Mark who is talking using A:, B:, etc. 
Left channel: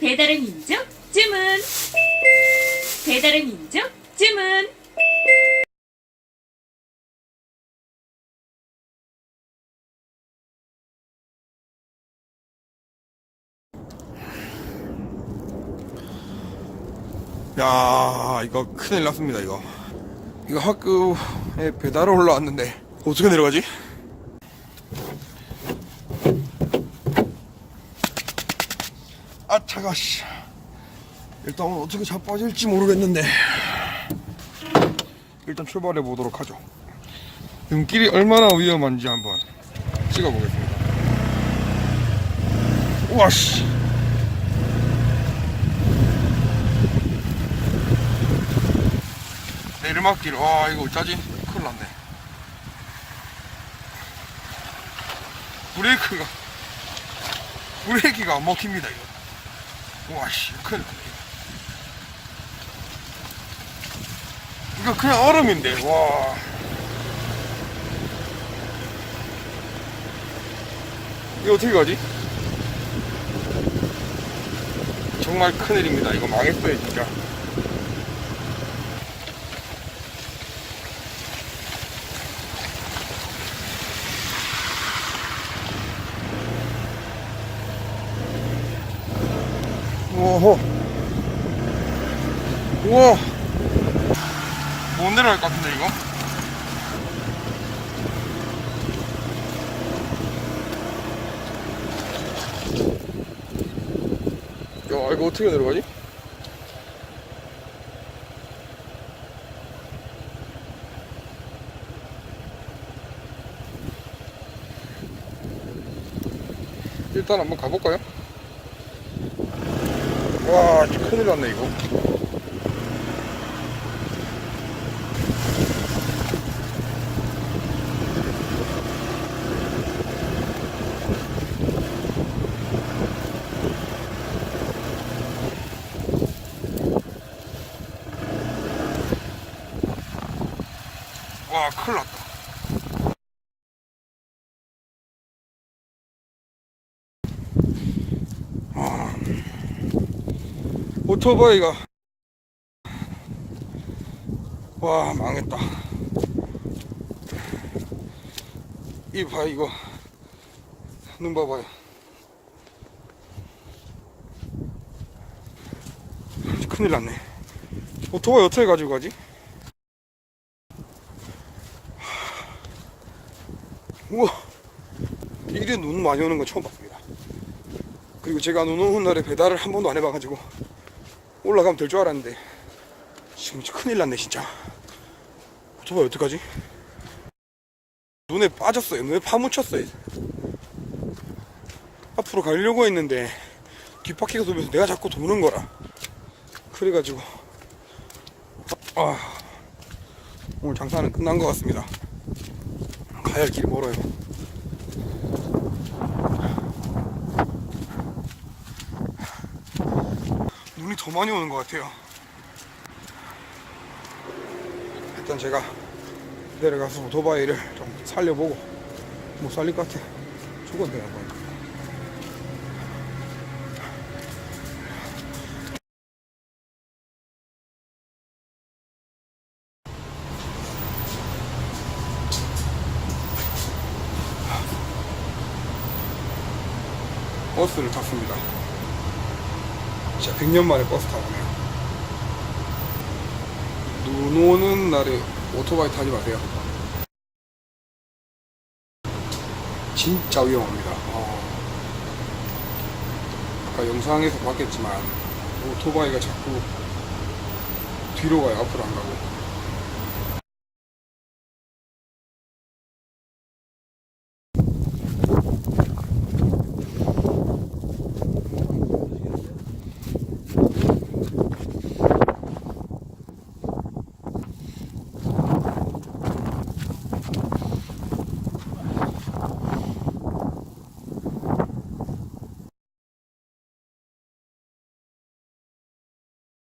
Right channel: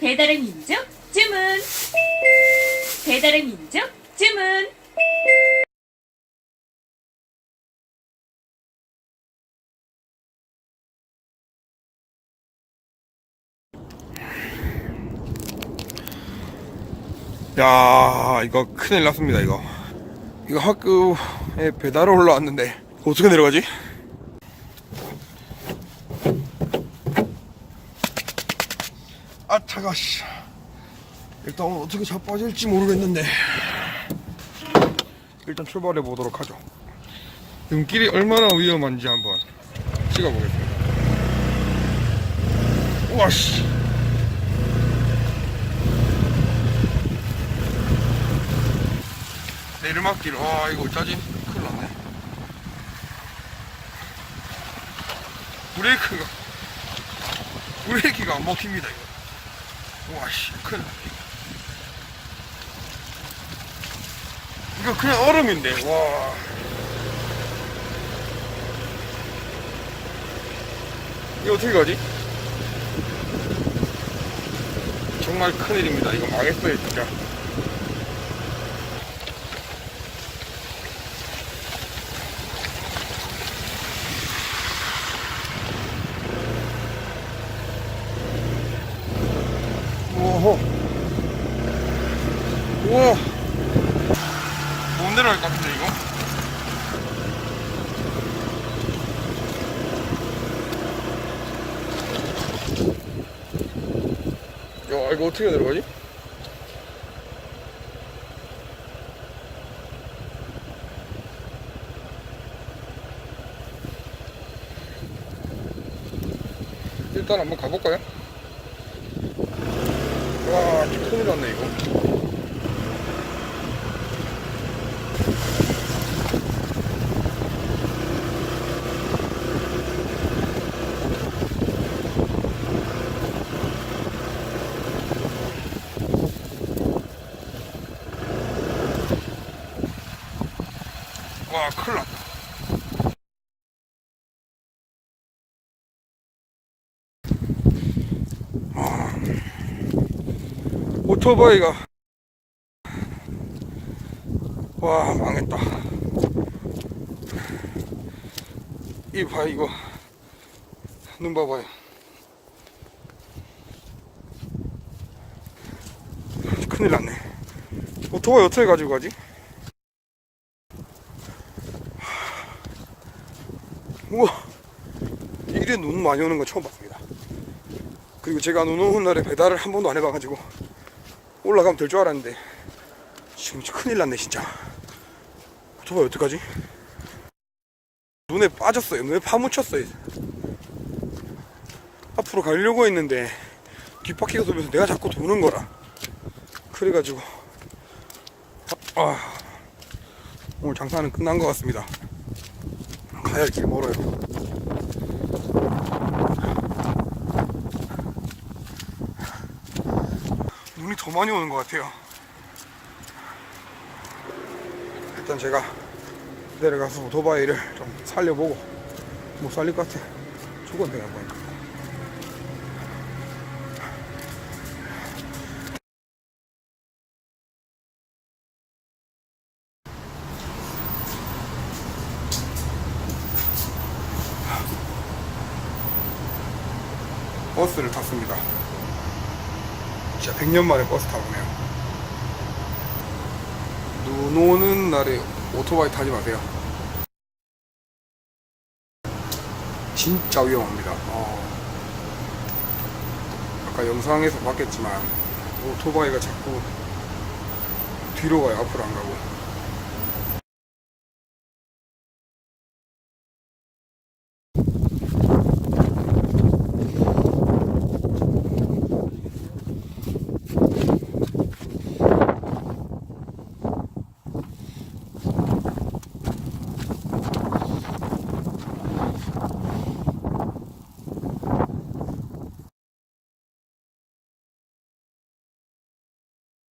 A: 배달의 민족 주문. 배달의 민족 주문.
B: 야 이거 큰일 났습니다 이거. 이거 학교에 배달 올라왔는데 어떻게 내려가지? 차가 씨. 일단 오늘 어떻게 자빠질지 모르겠는데. 일단 출발해 보도록 하죠. 눈길이 얼마나 위험한지 한번 찍어보겠습니다. 우와 씨. 내리막길 와 이거 어쩌지 큰일 났네. 브레이크가 브레이크가 안 먹힙니다 이거 와씨 큰 이거 그냥 얼음인데 와. 이거 어떻게 가지? 정말 큰일입니다. 이거 망했어요 진짜 오호. 우와. 못 내려갈 것 같은데, 이거? 야, 이거 어떻게 내려가지? 일단 한번 가볼까요? 와, 큰일 났네, 이거. 와, 큰일 났다. 오토바이가. 와 망했다. 이봐 이거. 눈 봐봐요. 큰일 났네. 오토바이 어떻게 가지고 가지? 우와. 이래 눈 많이 오는 건 처음 봤습니다. 그리고 제가 눈 오는 날에 배달을 한 번도 안 해봐가지고 올라가면 될 줄 알았는데. 지금 큰일 났네 진짜. 오토바이 어떡하지? 눈에 빠졌어요. 눈에 파묻혔어요. 앞으로 가려고 했는데 뒷바퀴가 돌면서 내가 자꾸 도는 거라. 그래가지고. 아 오늘 장사는 끝난 것 같습니다. 가야 할 길이 멀어요 눈이 더 많이 오는 것 같아요. 일단 제가 내려가서 오토바이를 좀 살려보고 못 살릴 것 같아. 죽었네 한번. 버스를 탔습니다. 진짜 100년 만에 버스 타보네요. 눈 오는 날에 오토바이 타지 마세요. 진짜 위험합니다. 어. 아까 영상에서 봤겠지만 오토바이가 자꾸 뒤로 가요. 앞으로 안 가고.